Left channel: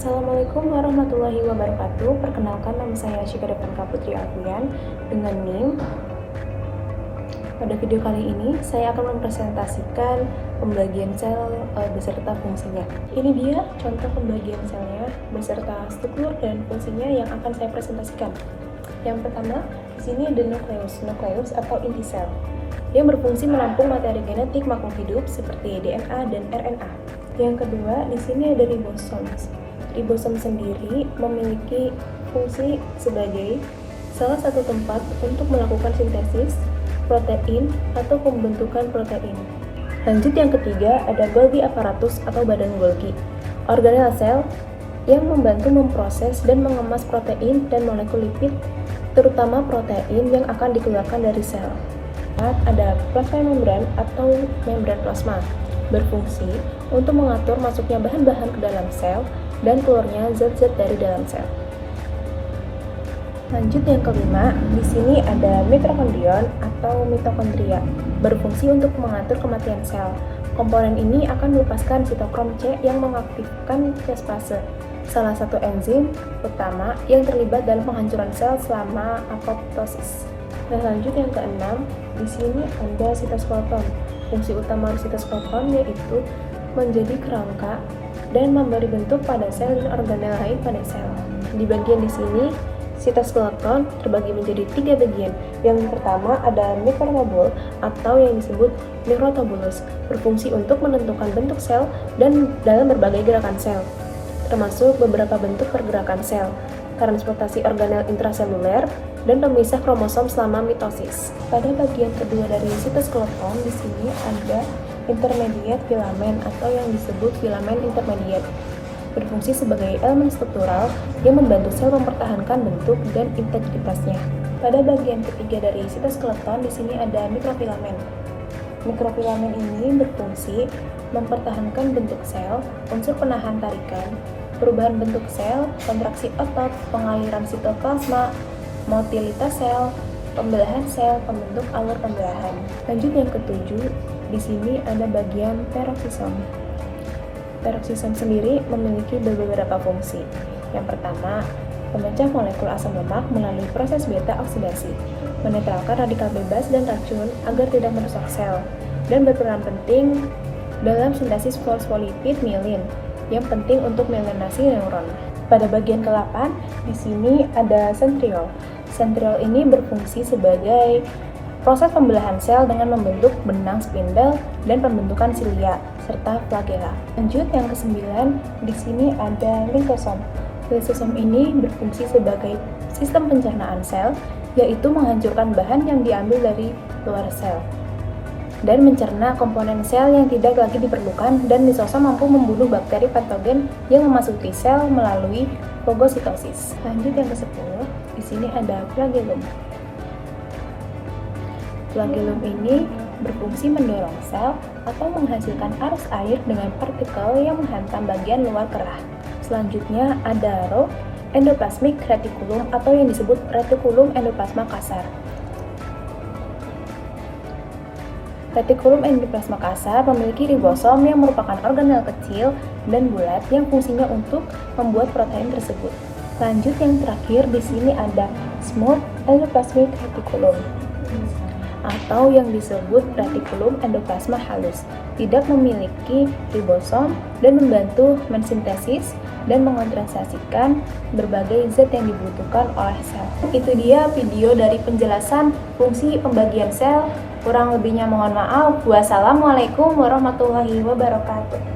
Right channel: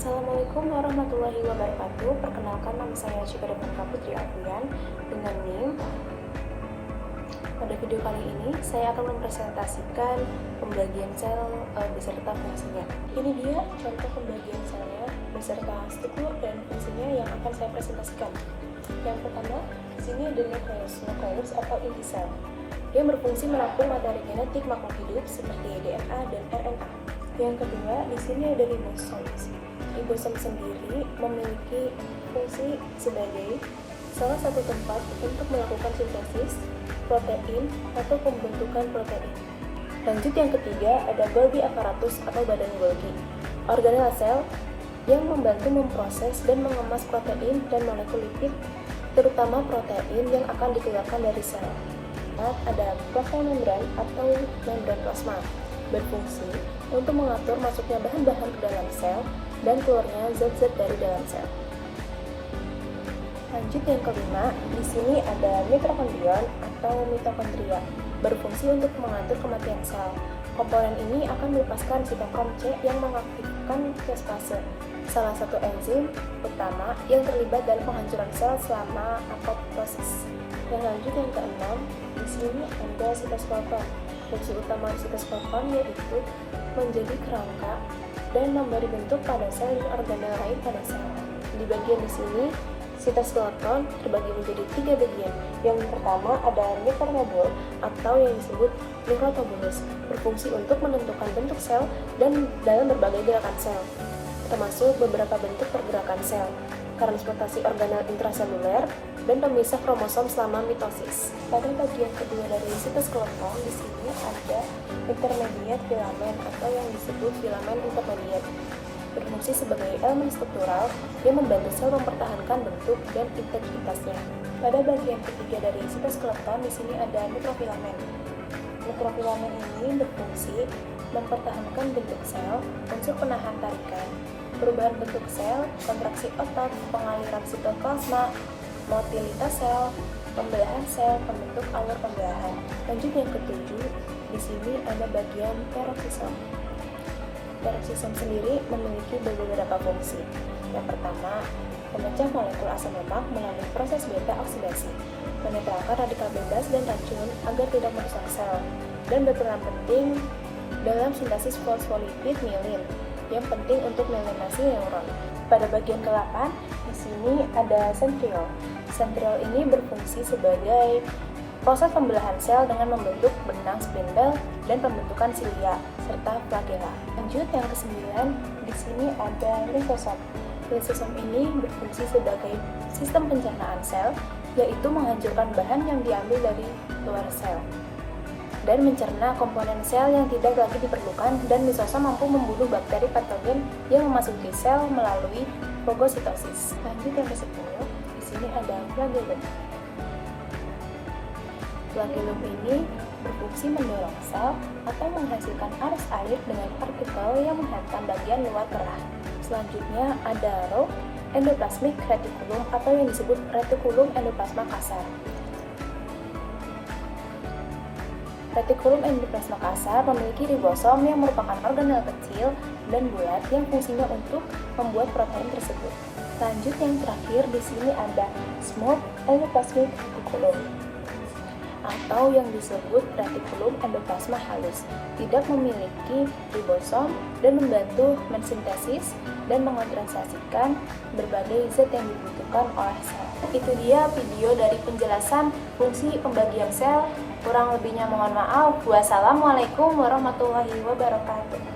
Assalamualaikum warahmatullahi wabarakatuh. Perkenalkan, nama saya Syifa Devanka Putri Alfian dengan NIM. Pada video kali ini, saya akan mempresentasikan pembagian sel beserta fungsinya. Ini dia contoh pembagian selnya beserta struktur dan fungsinya yang akan saya presentasikan. Yang pertama, di sini ada nukleus atau inti sel yang berfungsi menampung materi genetik makhluk hidup seperti DNA dan RNA. Yang kedua, di sini ada ribosom. Ribosom sendiri memiliki fungsi sebagai salah satu tempat untuk melakukan sintesis protein atau pembentukan protein. Lanjut, yang ketiga ada Golgi apparatus atau badan Golgi, organel sel yang membantu memproses dan mengemas protein dan molekul lipid, terutama protein yang akan dikeluarkan dari sel. Ada plasma membran atau membran plasma, berfungsi untuk mengatur masuknya bahan-bahan ke dalam sel dan keluarnya zat-zat dari dalam sel. Lanjut, yang kelima, di sini ada mitokondrion atau mitokondria, berfungsi untuk mengatur kematian sel. Komponen ini akan melepaskan sitokrom C yang mengaktifkan fase, salah satu enzim utama yang terlibat dalam penghancuran sel selama apoptosis. Dan lanjut, yang keenam, di sini ada sitoskeleton. Fungsi utama sitoskeleton yaitu menjadi kerangka dan memberi bentuk pada sel dan organel lain pada sel. Di bagian di sini, sitoskeleton terbagi menjadi 3 bagian. Yang pertama ada mikrotubul atau yang disebut mikrotubulus, berfungsi untuk menentukan bentuk sel dan dalam berbagai gerakan sel, termasuk beberapa bentuk pergerakan sel, transportasi organel intraseluler, dan pemisah kromosom selama mitosis. Pada bagian kedua dari sitoskeleton, di sini ada intermediate filamen atau yang disebut filamen intermediate, berfungsi sebagai elemen struktural yang membantu sel mempertahankan bentuk dan integritasnya. Pada bagian ketiga dari sitoskeleton, di sini ada mikrofilamen. Mikrofilamen ini berfungsi mempertahankan bentuk sel, unsur penahan tarikan, perubahan bentuk sel, kontraksi otot, pengaliran sitoplasma, motilitas sel, pembelahan sel, pembentuk alur pembelahan. Lanjut, yang ketujuh, di sini ada bagian peroksisom. Peroksisom sendiri memiliki beberapa fungsi. Yang pertama, memecah molekul asam lemak melalui proses beta oksidasi, menetralkan radikal bebas dan racun agar tidak merusak sel, dan berperan penting dalam sintesis fosfolipid mielin yang penting untuk myelinasi neuron. Pada bagian ke-8, di sini ada sentriol. Sentriol ini berfungsi sebagai proses pembelahan sel dengan membentuk benang spindle dan pembentukan silia serta flagella. Lanjut, yang ke-9, di sini ada lisosom. Lisosom ini berfungsi sebagai sistem pencernaan sel, yaitu menghancurkan bahan yang diambil dari luar sel dan mencerna komponen sel yang tidak lagi diperlukan, dan lisosom mampu membunuh bakteri patogen yang memasuki sel melalui fagositosis. Lanjut, yang ke-10, di sini ada flagellum. Flagellum ini berfungsi mendorong sel atau menghasilkan arus air dengan partikel yang menghantam bagian luar kerah. Selanjutnya ada row endoplasmic reticulum atau yang disebut retikulum endoplasma kasar. Retikulum endoplasma kasar memiliki ribosom yang merupakan organel kecil dan bulat yang fungsinya untuk membuat protein tersebut. Lanjut, yang terakhir, di sini ada smooth endoplasmic reticulum atau yang disebut retikulum endoplasma halus, tidak memiliki ribosom dan membantu mensintesis dan mengonsentrasikan berbagai zat yang dibutuhkan oleh sel. Itu dia video dari penjelasan fungsi pembagian sel. Kurang lebihnya mohon maaf. Wassalamualaikum warahmatullahi wabarakatuh.